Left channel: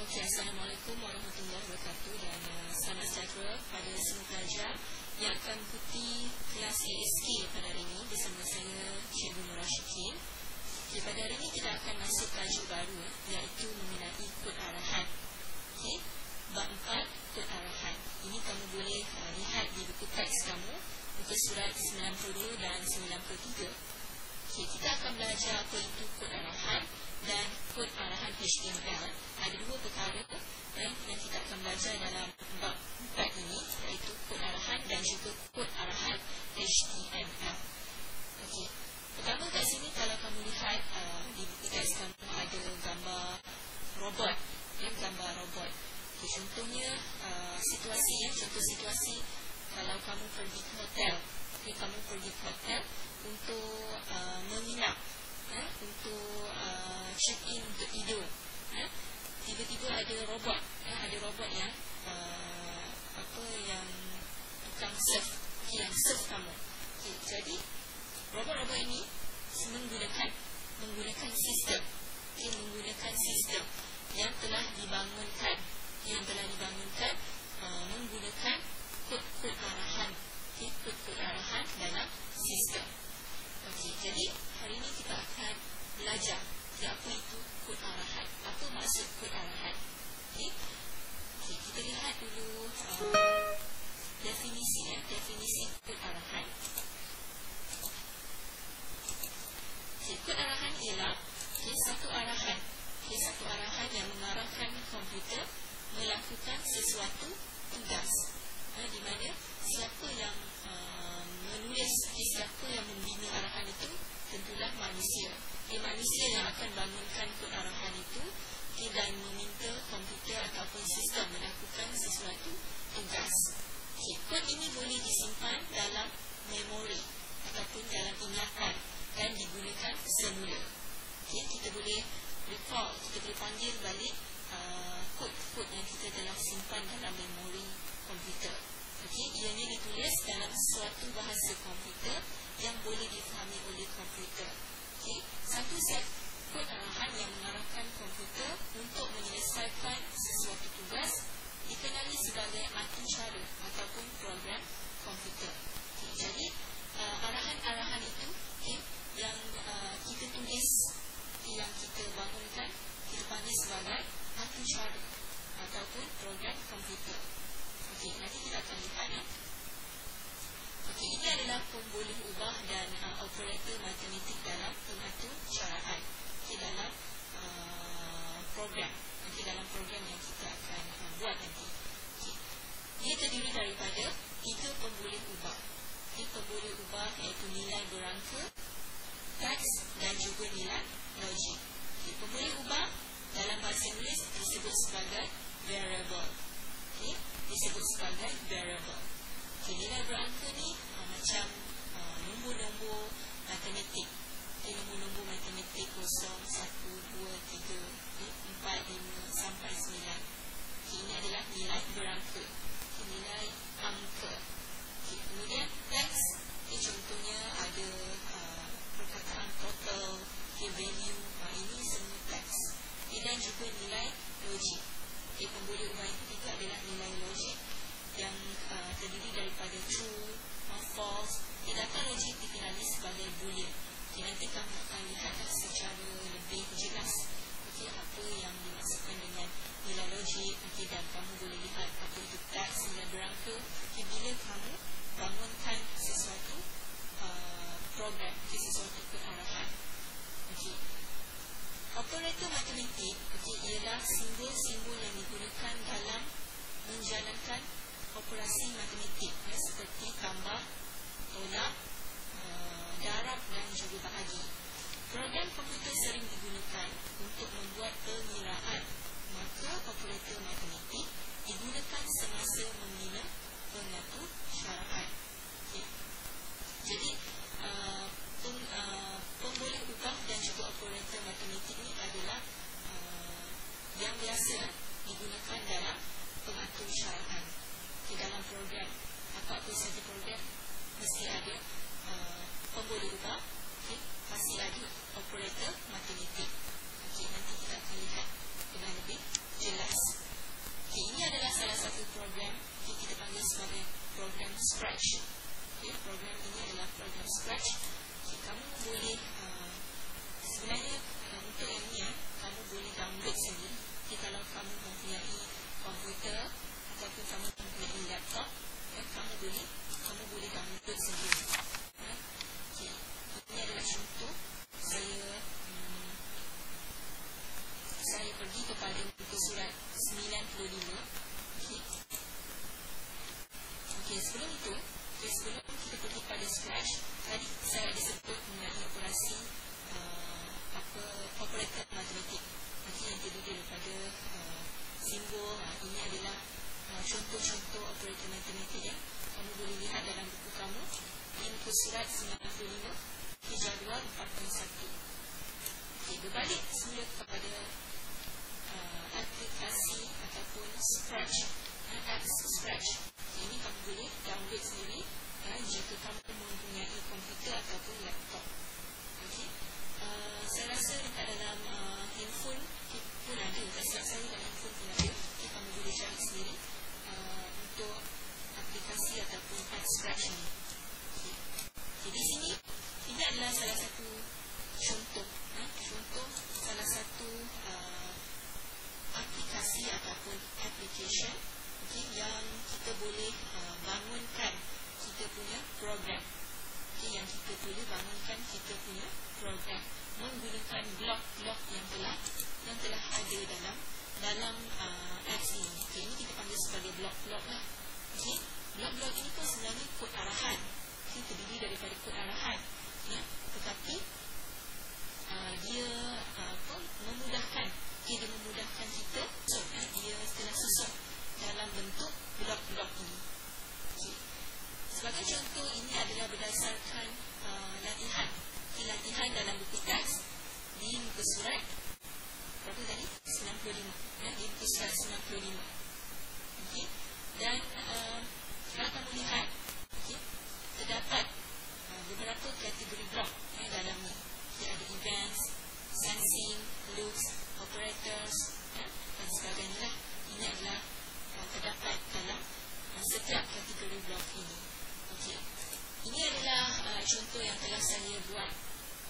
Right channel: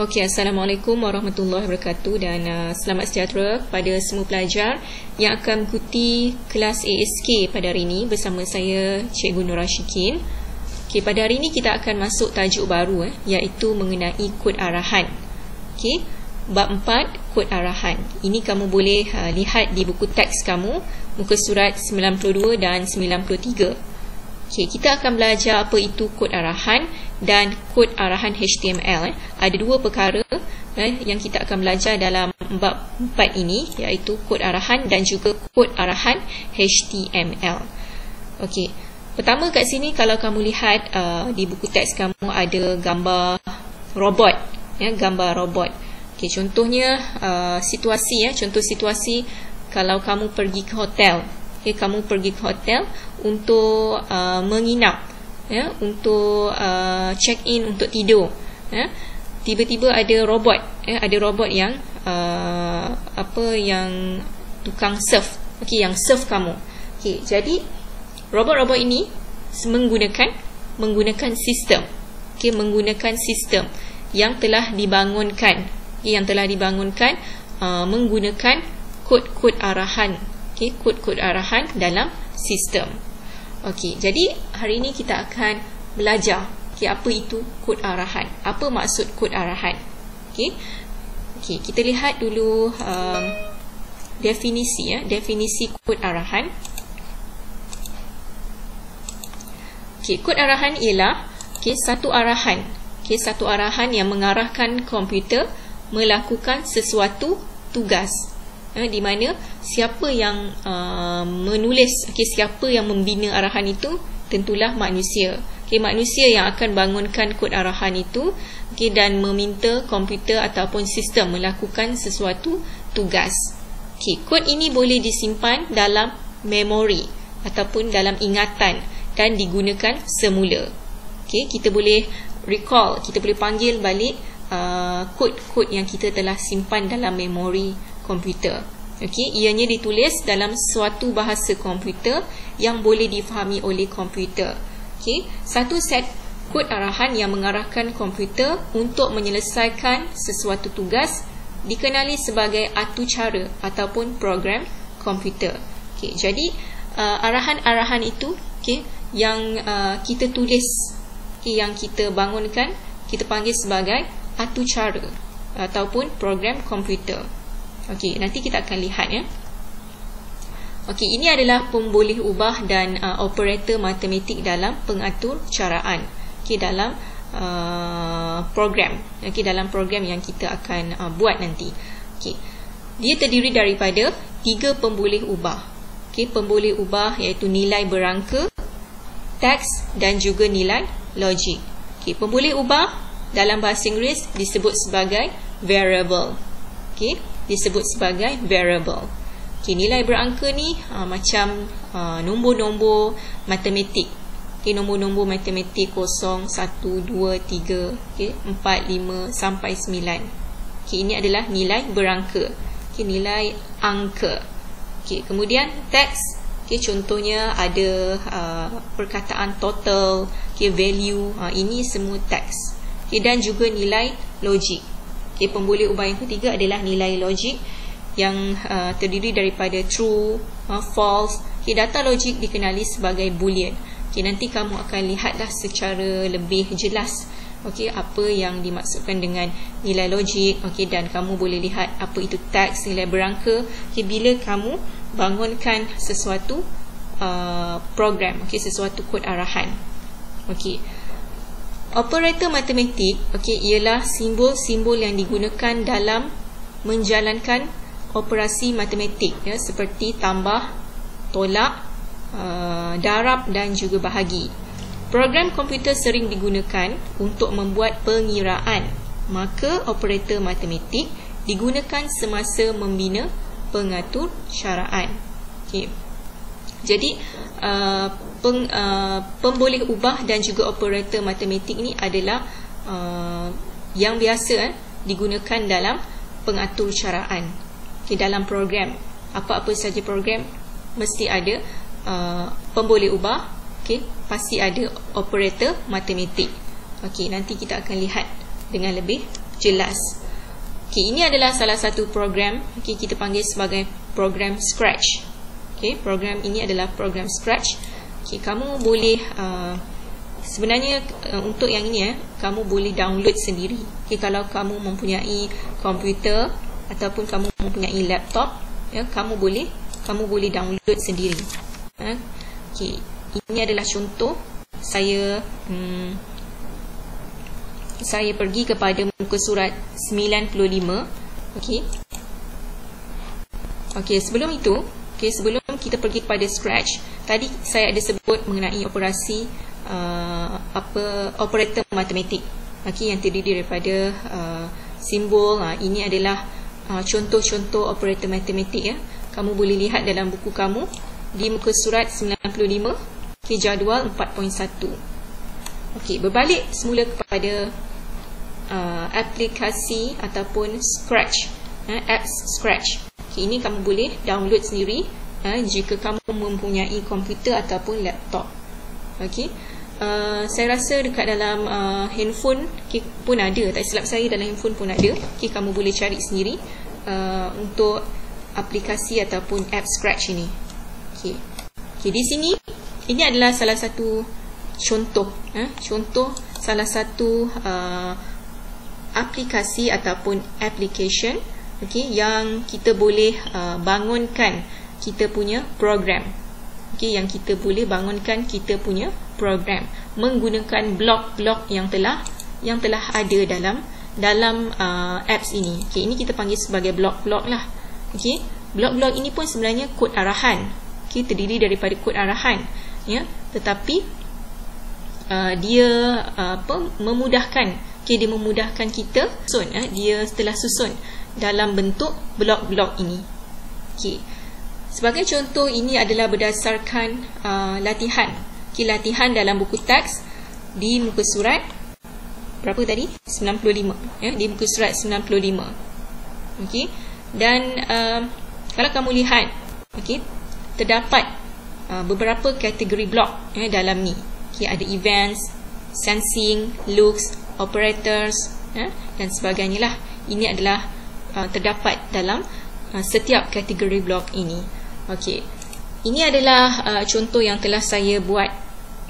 Okey, Assalamualaikum warahmatullahi wabarakatuh dan selamat sejahtera kepada semua pelajar yang akan mengikuti kelas ASK pada hari ini bersama saya Cikgu Nur Rashikin. Okey, pada hari ini kita akan masuk tajuk baru iaitu mengenai kod arahan. Okey, bab 4 kod arahan. Ini kamu boleh lihat di buku teks kamu, muka surat 92 dan 93. Okey, kita akan belajar apa itu kod arahan dan kod arahan HTML. Ada dua perkara yang kita akan belajar dalam bab 4 ini, iaitu kod arahan dan juga kod arahan HTML. Okey, pertama kat sini kalau kamu lihat di buku teks kamu ada gambar robot, gambar robot. Okey, contohnya situasi contoh situasi kalau kamu pergi ke hotel. Okey, kamu pergi ke hotel untuk menginap, untuk check in, untuk tidur. Tiba-tiba ada robot, ada robot yang yang tukang serve. Okey, yang serve kamu. Okey, jadi robot-robot ini menggunakan sistem. Okey, menggunakan sistem yang telah dibangunkan, menggunakan kod-kod arahan. Okey, kod-kod arahan dalam sistem. Okey, jadi hari ini kita akan belajar apa itu kod arahan. Apa maksud kod arahan? Okey, kita lihat dulu definisi kod arahan. Okey, kod arahan ialah satu arahan yang mengarahkan komputer melakukan sesuatu tugas. Di mana siapa yang menulis, siapa yang membina arahan itu, tentulah manusia. Manusia yang akan bangunkan kod arahan itu, dan meminta komputer ataupun sistem melakukan sesuatu tugas. Kod ini boleh disimpan dalam memori ataupun dalam ingatan dan digunakan semula. Kita boleh recall, kita boleh panggil balik kod-kod yang kita telah simpan dalam memori komputer. Ianya ditulis dalam suatu bahasa komputer yang boleh difahami oleh komputer. Satu set kod arahan yang mengarahkan komputer untuk menyelesaikan sesuatu tugas dikenali sebagai atucara ataupun program komputer. Jadi arahan-arahan itu yang kita tulis, yang kita bangunkan, kita panggil sebagai atucara ataupun program komputer. Okey, nanti kita akan lihat Okey, ini adalah pemboleh ubah dan operator matematik dalam pengatur caraan. Dalam program. Dalam program yang kita akan buat nanti. Dia terdiri daripada 3 pemboleh ubah. Pemboleh ubah iaitu nilai berangka, teks dan juga nilai logik. Pemboleh ubah dalam bahasa Inggeris disebut sebagai variable. Disebut sebagai variable. Nilai berangka ni macam nombor-nombor matematik. Nombor-nombor matematik 0, 1, 2, 3, 4, 5 sampai 9. Ini adalah nilai berangka. Nilai angka. Kemudian teks. Contohnya ada perkataan total, value. Ini semua teks. Dan juga nilai logik. Pemboleh ubah yang ketiga adalah nilai logik yang terdiri daripada true, false. Data logik dikenali sebagai boolean. Nanti kamu akan lihatlah secara lebih jelas apa yang dimaksudkan dengan nilai logik. Dan kamu boleh lihat apa itu teks, nilai berangka bila kamu bangunkan sesuatu program, sesuatu kod arahan. Operator matematik ialah simbol-simbol yang digunakan dalam menjalankan operasi matematik, seperti tambah, tolak, darab dan juga bahagi. Program komputer sering digunakan untuk membuat pengiraan, maka operator matematik digunakan semasa membina pengatur caraan. Jadi pemboleh ubah dan juga operator matematik ni adalah yang biasa digunakan dalam pengatur caraan. Dalam program, apa-apa saja program mesti ada pemboleh ubah, pasti ada operator matematik. Nanti kita akan lihat dengan lebih jelas. Okey, ini adalah salah satu program, okey, kita panggil sebagai program Scratch. Okey, program ini adalah program Scratch. Okey, kamu boleh sebenarnya untuk yang ini kamu boleh download sendiri. Okey, kalau kamu mempunyai komputer ataupun kamu mempunyai laptop, ya, kamu boleh download sendiri. Okey, ini adalah contoh saya pergi kepada muka surat 95. Okey. Okey, sebelum itu, sebelum kita pergi kepada Scratch, tadi saya ada sebut mengenai operasi operator matematik. Okey, yang terdiri daripada simbol. Ini adalah contoh-contoh operator matematik, ya. Kamu boleh lihat dalam buku kamu di muka surat 95, jadual 4.1. Okey, berbalik semula kepada aplikasi ataupun Scratch, apps Scratch. Okey, ini kamu boleh download sendiri jika kamu mempunyai komputer ataupun laptop. Okey, saya rasa dekat dalam handphone pun ada, tak silap saya dalam handphone pun ada. Okey, kamu boleh cari sendiri untuk aplikasi ataupun app Scratch ini. Okey, di sini ini adalah salah satu contoh, salah satu aplikasi ataupun application, okey, yang kita boleh bangunkan kita punya program. Okey, yang kita boleh bangunkan kita punya program menggunakan blok-blok yang telah ada dalam apps ini. Okey, ini kita panggil sebagai blok-blok lah. Okey, blok-blok ini pun sebenarnya kod arahan. Okey, terdiri daripada kod arahan, ya, tetapi dia memudahkan. Okey, dia memudahkan kita dia telah susun dalam bentuk blok-blok ini. Okey, sebagai contoh, ini adalah berdasarkan latihan. Okey, latihan dalam buku teks di muka surat berapa tadi? 95, ya, di muka surat 95. Okey, dan kalau kamu lihat, okey, terdapat beberapa kategori blok, ya, dalam ni. Okey, ada events, sensing, looks, operators, dan sebagainya lah. Ini adalah terdapat dalam setiap kategori blok ini. Okey, ini adalah contoh yang telah saya buat,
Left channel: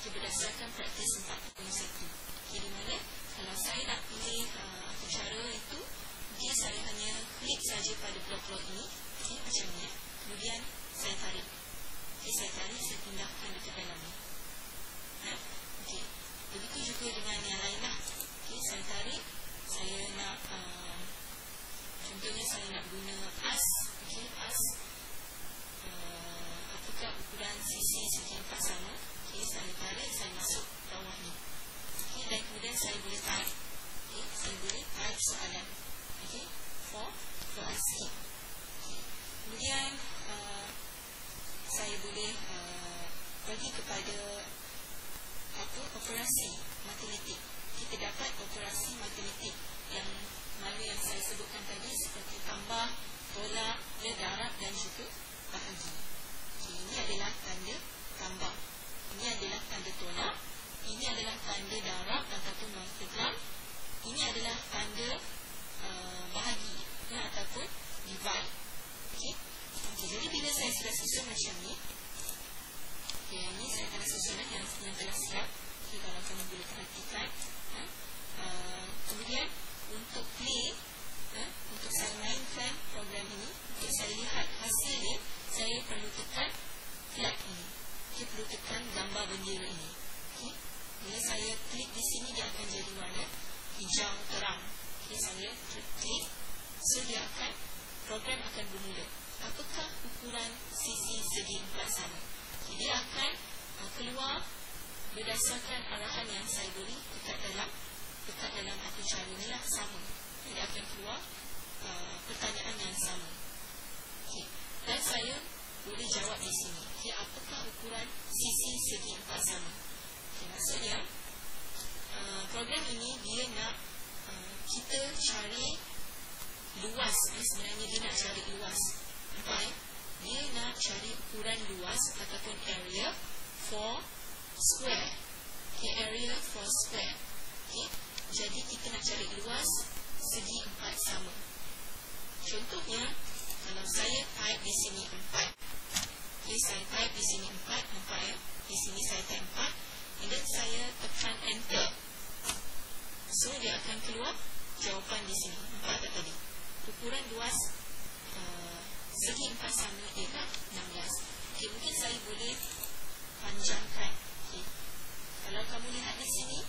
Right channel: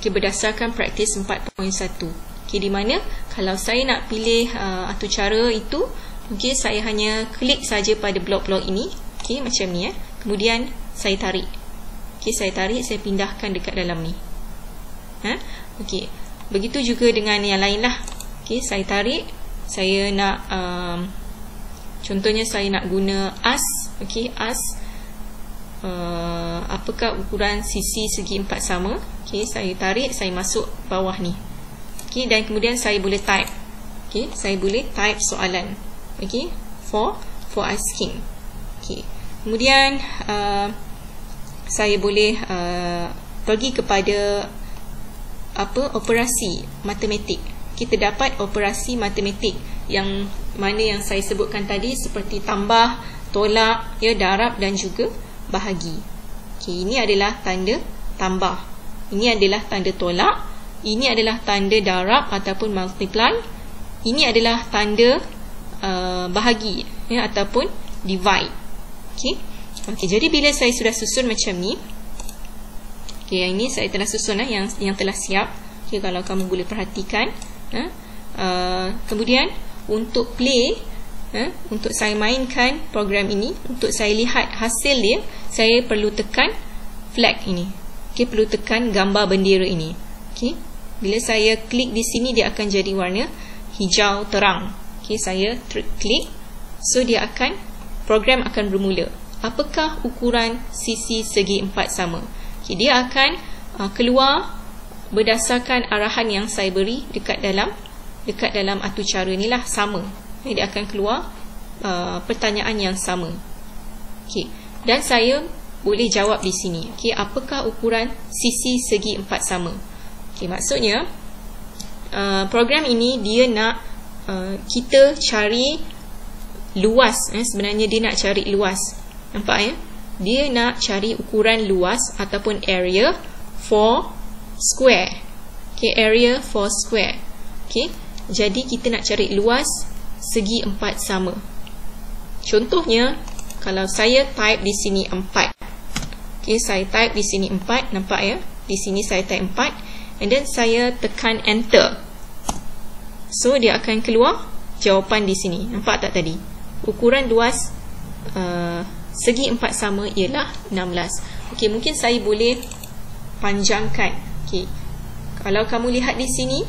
okey, berdasarkan praktis 4.1. Okey, di mana kalau saya nak pilih atau cara itu, okey, saya hanya klik saja pada blok-blok ini, okey, macam ni, ya. Kemudian saya tarik. Okey, saya tarik, saya pindahkan dekat dalam ni. Okey, begitu juga dengan yang lain lah. Okey, saya tarik, saya nak contohnya saya nak guna as. Okey, as apakah ukuran sisi segi empat sama. Okey, saya tarik, saya masuk bawah ni. Okey, dan kemudian saya boleh type. Okey, saya boleh type soalan. Okey, for asking. Okey, kemudian saya boleh pergi kepada operasi matematik. Kita dapat operasi matematik yang mana yang saya sebutkan tadi, seperti tambah, tolak, ya, darab dan juga bahagi. Okey, ini adalah tanda tambah. Ini adalah tanda tolak. Ini adalah tanda darab ataupun multiply. Ini adalah tanda bahagi, ya, ataupun divide. Okey. Okey, jadi bila saya sudah susun macam ni, okey, yang ini saya telah susun yang telah siap. Okey, kalau kamu boleh perhatikan, kemudian untuk play, untuk saya mainkan program ini, untuk saya lihat hasil dia, saya perlu tekan flag ini. Okey, perlu tekan gambar bendera ini. Okey, bila saya klik di sini, dia akan jadi warna hijau terang. Okey, saya klik, so dia akan, program akan bermula. Apakah ukuran sisi segi empat sama? Okay, dia akan keluar berdasarkan arahan yang saya beri dekat dalam aturcara ni lah, sama. Okay, dia akan keluar pertanyaan yang sama. Okay, dan saya boleh jawab di sini. Okay, apakah ukuran sisi segi empat sama? Okay, maksudnya program ini dia nak kita cari luas. Sebenarnya dia nak cari luas. Nampak, ya? Dia nak cari ukuran luas ataupun area for square. Okay, area for square. Okay, jadi kita nak cari luas segi 4 sama. Contohnya, kalau saya type di sini 4. Okay, saya type di sini 4, nampak ya? Di sini saya type 4, and then saya tekan enter. So, dia akan keluar jawapan di sini. Nampak tak tadi? Ukuran luas segi 4 sama ialah 16. Okay, mungkin saya boleh panjangkan. Okay. Kalau kamu lihat di sini,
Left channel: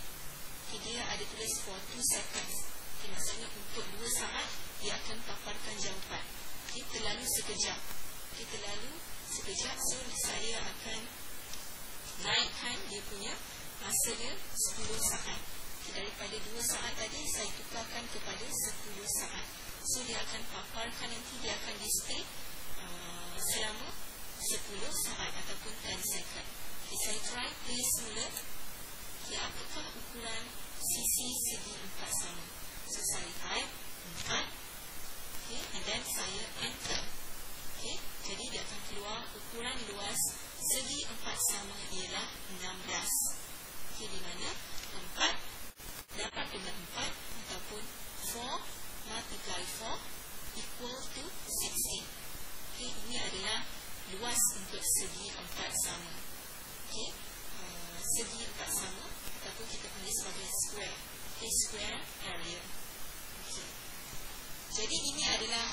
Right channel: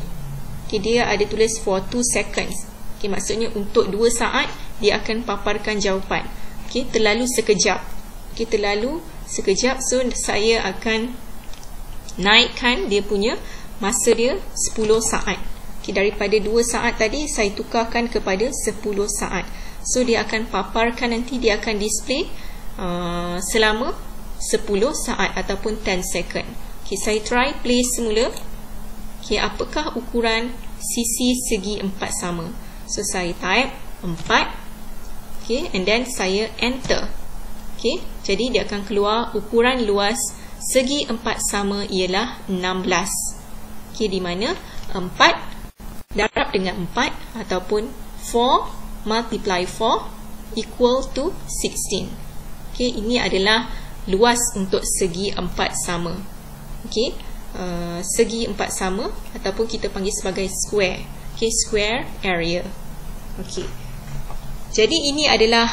okay, dia ada tulis for 2 seconds. Okay, maksudnya untuk 2 saat dia akan paparkan jawapan. Okay, terlalu sekejap. Okay, terlalu sekejap. So, saya akan naikkan dia punya masa dia 10 saat. Okay, daripada 2 saat tadi, saya tukarkan kepada 10 saat. So, dia akan paparkan nanti, dia akan display selama 10 saat ataupun 10 second. Okay, saya try play semula. Okay, apakah ukuran sisi segi 4 sama? So, saya type 4. Okay, and then saya enter. Okay, jadi dia akan keluar ukuran luas segi 4 sama ialah 16. Okay, di mana 4 darab dengan 4 ataupun 4 multiply 4 equal to 16. Okay, ini adalah luas untuk segi 4 sama. Okay, segi 4 sama ataupun kita panggil sebagai square. Okay, square area. Okay, jadi ini adalah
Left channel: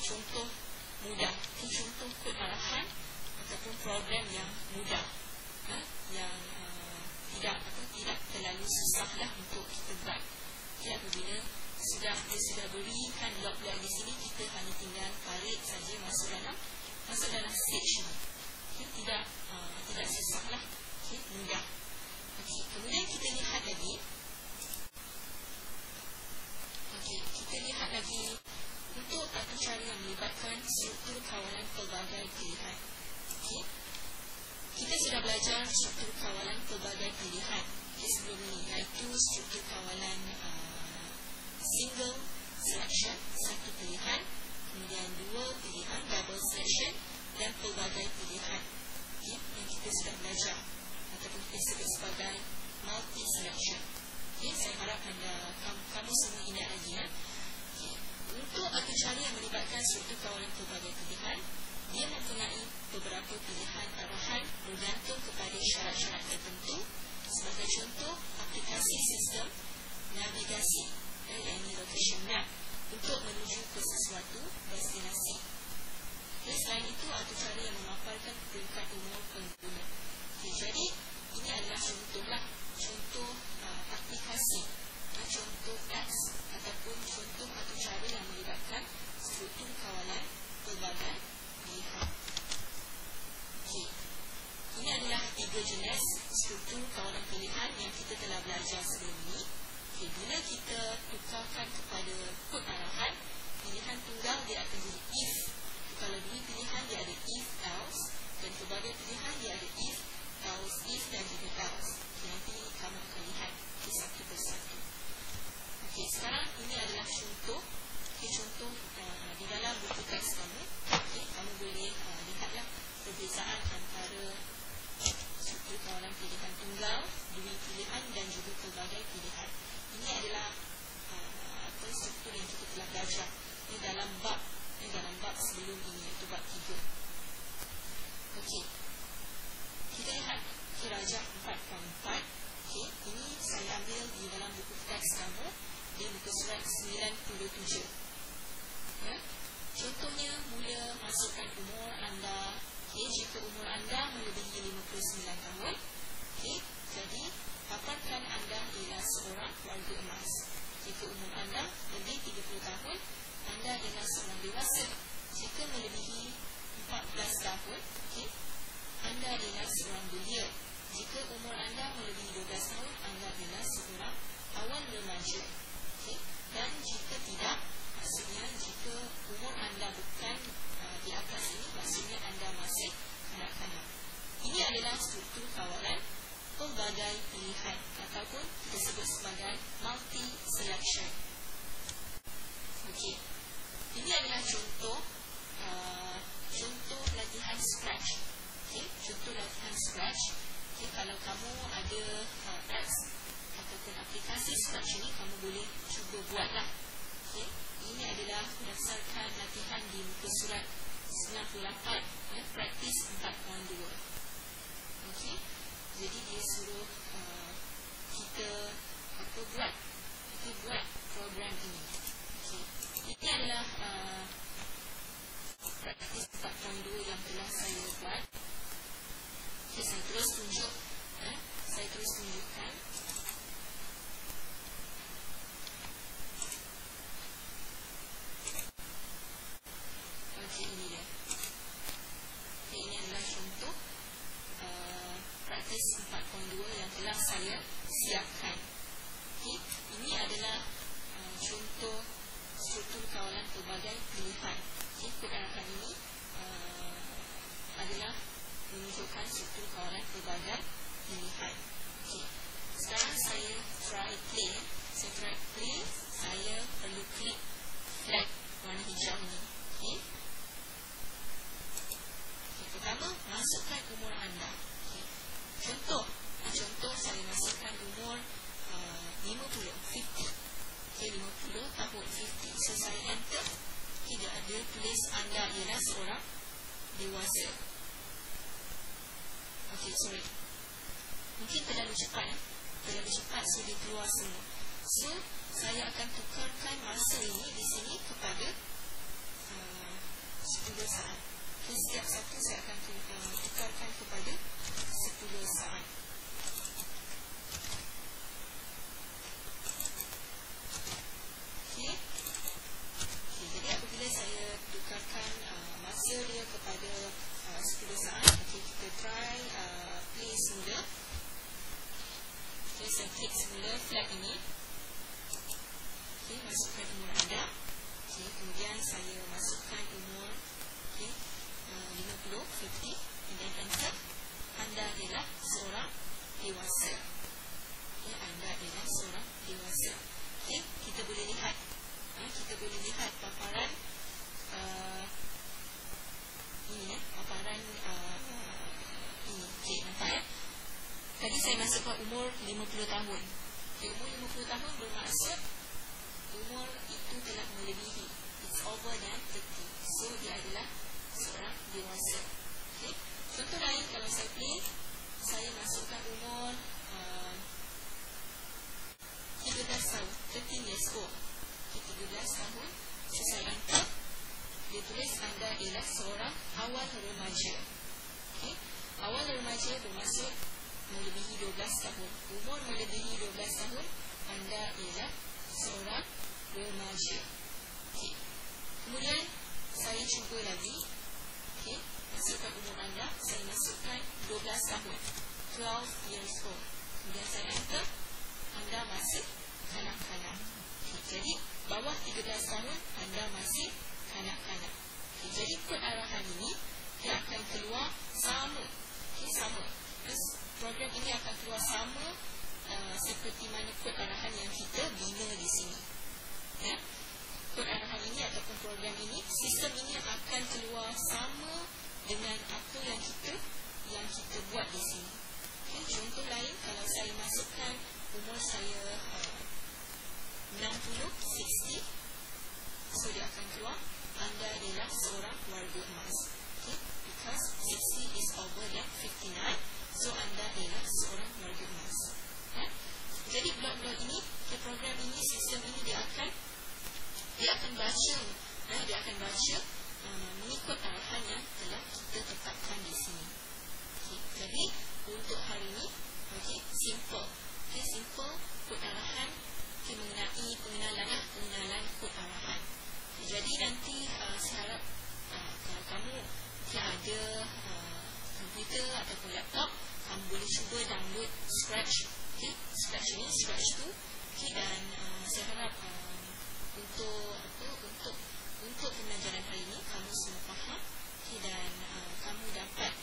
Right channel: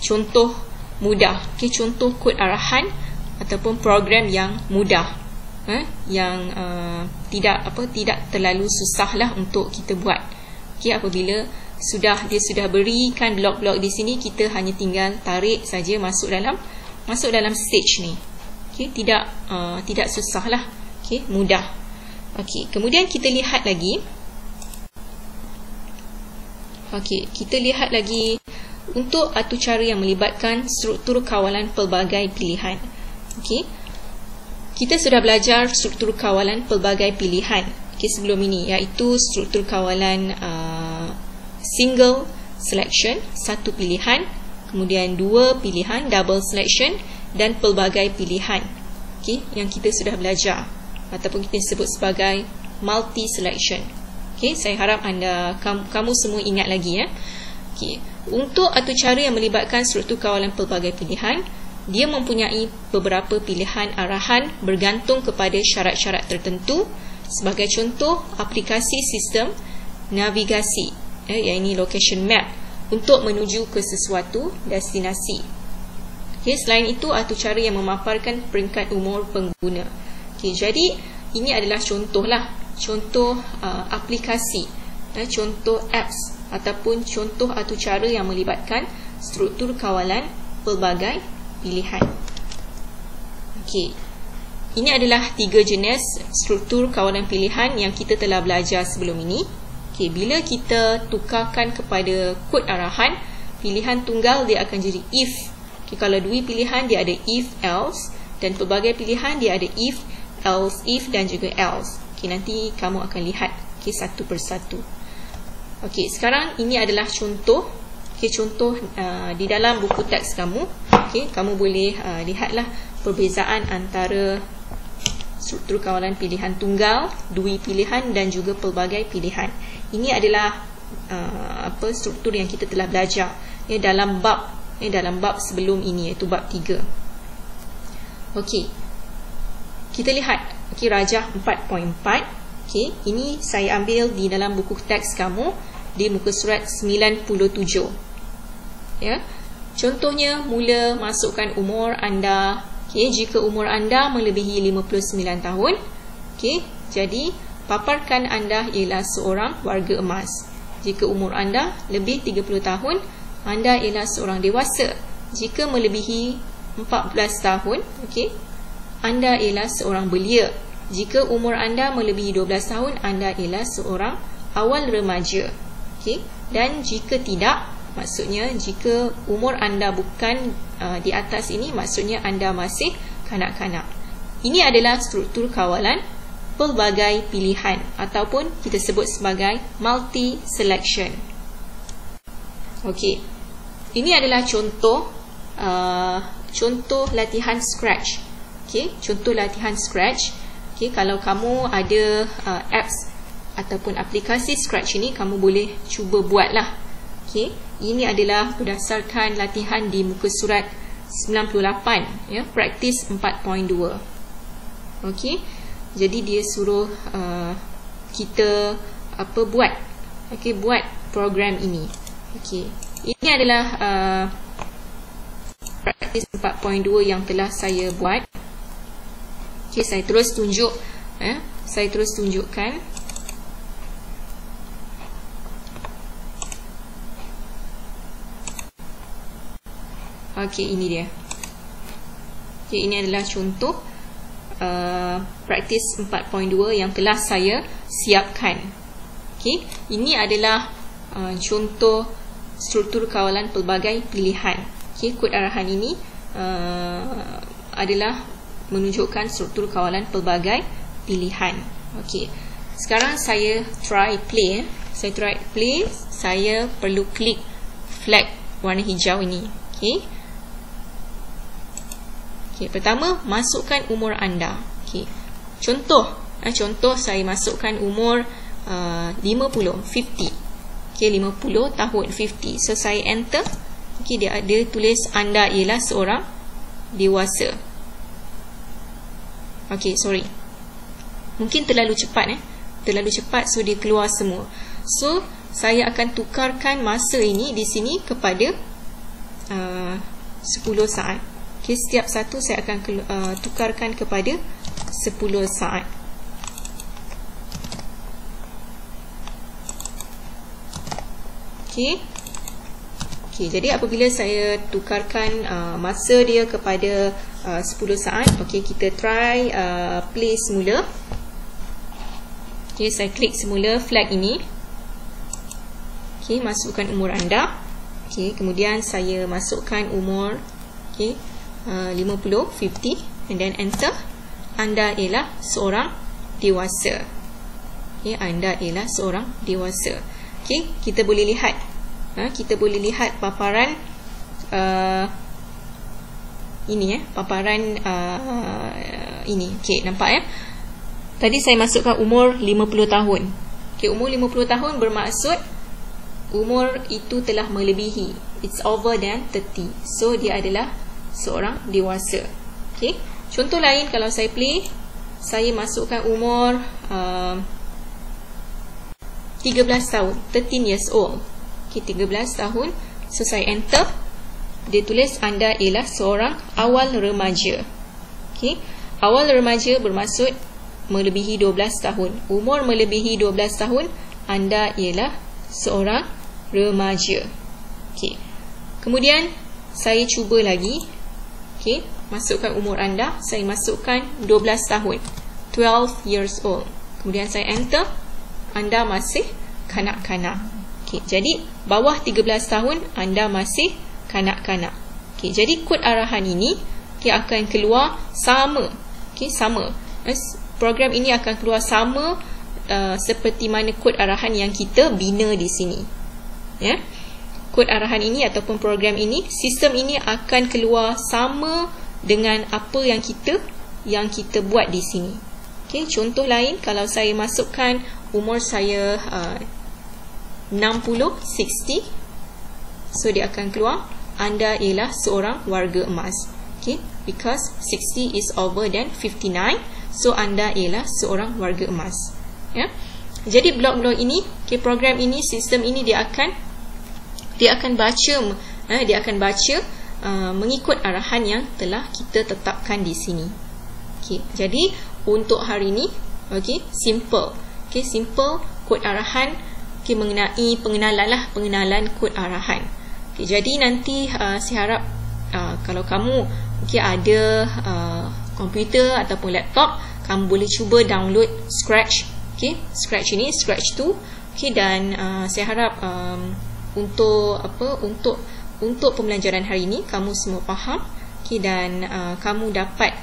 contoh mudah. Okay, contoh kod arahan ataupun program yang mudah, yang tidak terlalu susahlah untuk kita buat. Okay, apabila dia sudah berikan blok-blok di sini, kita hanya tinggal tarik saja masuk dalam stage ni. Okay, tidak susahlah. Okay, mudah. Okay, kemudian kita lihat lagi. Okay, kita lihat lagi untuk atur cara yang melibatkan struktur kawalan pelbagai pilihan. Okay, kita sudah belajar struktur kawalan pelbagai pilihan sebelum ini, iaitu struktur kawalan single selection, satu pilihan, kemudian dua pilihan, double selection, dan pelbagai pilihan. Okay, yang kita sudah belajar ataupun kita sebut sebagai multi selection. Okay, saya harap kamu semua ingat lagi ya. Okay, untuk atur cara yang melibatkan struktur kawalan pelbagai pilihan, dia mempunyai beberapa pilihan arahan bergantung kepada syarat-syarat tertentu. Sebagai contoh, aplikasi sistem navigasi, iaitu location map, untuk menuju ke sesuatu destinasi. Okay, selain itu, atur cara yang memaparkan peringkat umur pengguna. Okay, jadi ini adalah contoh aplikasi, contoh apps ataupun contoh atur cara yang melibatkan struktur kawalan pelbagai pilihan. Okay, ini adalah 3 jenis struktur kawalan pilihan yang kita telah belajar sebelum ini. Okay, bila kita tukarkan kepada kod arahan, pilihan tunggal dia akan jadi if. Okay, kalau dua pilihan dia ada if, else, dan pelbagai pilihan dia ada if, else, if dan juga else. Okay, nanti kamu akan lihat satu persatu. Okay, sekarang ini adalah contoh. Okay, contoh di dalam buku teks kamu. Okay, kamu boleh lihatlah perbezaan antara struktur kawalan pilihan tunggal, dui pilihan dan juga pelbagai pilihan. Ini adalah struktur yang kita telah belajar dalam bab sebelum ini, iaitu bab 3. Okey. Kita lihat rajah 4.4. Okey, ini saya ambil di dalam buku teks kamu di muka surat 97. Ya. Contohnya, mula masukkan umur anda. Okay, jika umur anda melebihi 59 tahun, okay, jadi paparkan anda ialah seorang warga emas. Jika umur anda lebih 30 tahun, anda ialah seorang dewasa. Jika melebihi 14 tahun, okay, anda ialah seorang belia. Jika umur anda melebihi 12 tahun, anda ialah seorang awal remaja. Okay, dan jika tidak, maksudnya jika umur anda bukan di atas ini, maksudnya anda masih kanak-kanak. Ini adalah struktur kawalan pelbagai pilihan ataupun kita sebut sebagai multi selection. Okey. Ini adalah contoh latihan scratch. Okey, contoh latihan scratch. Okey, kalau kamu ada apps ataupun aplikasi Scratch ini kamu boleh cuba buatlah. Okey, ini adalah berdasarkan latihan di muka surat 98 ya, praktis 4.2. Okey, jadi dia suruh kita buat, okey, buat program ini. Okey, ini adalah praktis 4.2 yang telah saya buat. Okey, saya terus tunjuk, saya terus tunjukkan. Okey, ini dia. Okey, ini adalah contoh praktis 4.2 yang telah saya siapkan. Okey, ini adalah contoh struktur kawalan pelbagai pilihan. Okey, kod arahan ini adalah menunjukkan struktur kawalan pelbagai pilihan. Okey, sekarang saya try play. Saya try play. Saya perlu klik flag warna hijau ini. Okey. Okey, pertama masukkan umur anda. Okey. Contoh saya masukkan umur 50, 50. Okey, 50 tahun, 50. So saya enter. Okey, dia ada tulis anda ialah seorang dewasa. Okey, sorry. Mungkin terlalu cepat terlalu cepat, so dia keluar semua. So saya akan tukarkan masa ini di sini kepada 10 saat. Okay, setiap satu saya akan tukarkan kepada 10 saat. Okay. Okay, jadi apabila saya tukarkan masa dia kepada 10 saat, okay, kita try play semula. Okay, saya klik semula flag ini. Okay, masukkan umur anda. Okay, kemudian saya masukkan umur, okay, 50, 50, and then enter. Anda ialah seorang dewasa. Okay, anda ialah seorang dewasa. Okay, kita boleh lihat, kita boleh lihat paparan ini paparan ini. Okay, nampak tadi saya masukkan umur 50 tahun. Okay, umur 50 tahun bermaksud umur itu telah melebihi. It's over than 30. So dia adalah seorang dewasa. Okay. Contoh lain, kalau saya play, saya masukkan umur 13 tahun, 13 years old. Okay, 13 tahun. So saya enter. Dia tulis anda ialah seorang awal remaja. Okay. Awal remaja bermaksud melebihi 12 tahun. Umur melebihi 12 tahun, anda ialah seorang remaja. Okay. Kemudian saya cuba lagi. Okay, masukkan umur anda. Saya masukkan 12 tahun, 12 years old. Kemudian saya enter. Anda masih kanak-kanak. Okay, jadi bawah 13 tahun anda masih kanak-kanak. Okay, jadi kod arahan ini, okay, akan keluar sama. Okay, sama. Program ini akan keluar sama seperti mana kod arahan yang kita bina di sini. Ya. Kod arahan ini ataupun program ini, sistem ini akan keluar sama dengan apa yang kita buat di sini. Okey, contoh lain, kalau saya masukkan umur saya 60, 60, so dia akan keluar anda ialah seorang warga emas. Okey, because 60 is over than 59, so anda ialah seorang warga emas. Ya. Jadi blok-blok ini, okay, program ini, sistem ini dia akan baca mengikut arahan yang telah kita tetapkan di sini. Okay, jadi untuk hari ini, okay, simple. Okay, simple kod arahan, okay, mengenai pengenalan kod arahan. Okay, jadi nanti saya harap kalau kamu ada komputer ataupun laptop, kamu boleh cuba download Scratch. Okay, Scratch ini, Scratch 2. Okay, dan saya harap untuk pembelajaran hari ini kamu semua faham, okay, dan kamu dapat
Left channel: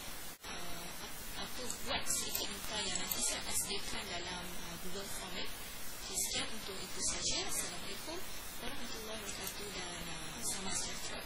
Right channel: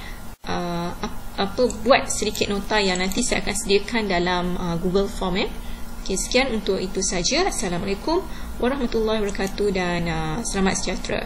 buat sedikit nota yang nanti saya akan sediakan dalam Google Form. Okay, sekian untuk itu saja. Assalamualaikum warahmatullahi wabarakatuh dan selamat sejahtera.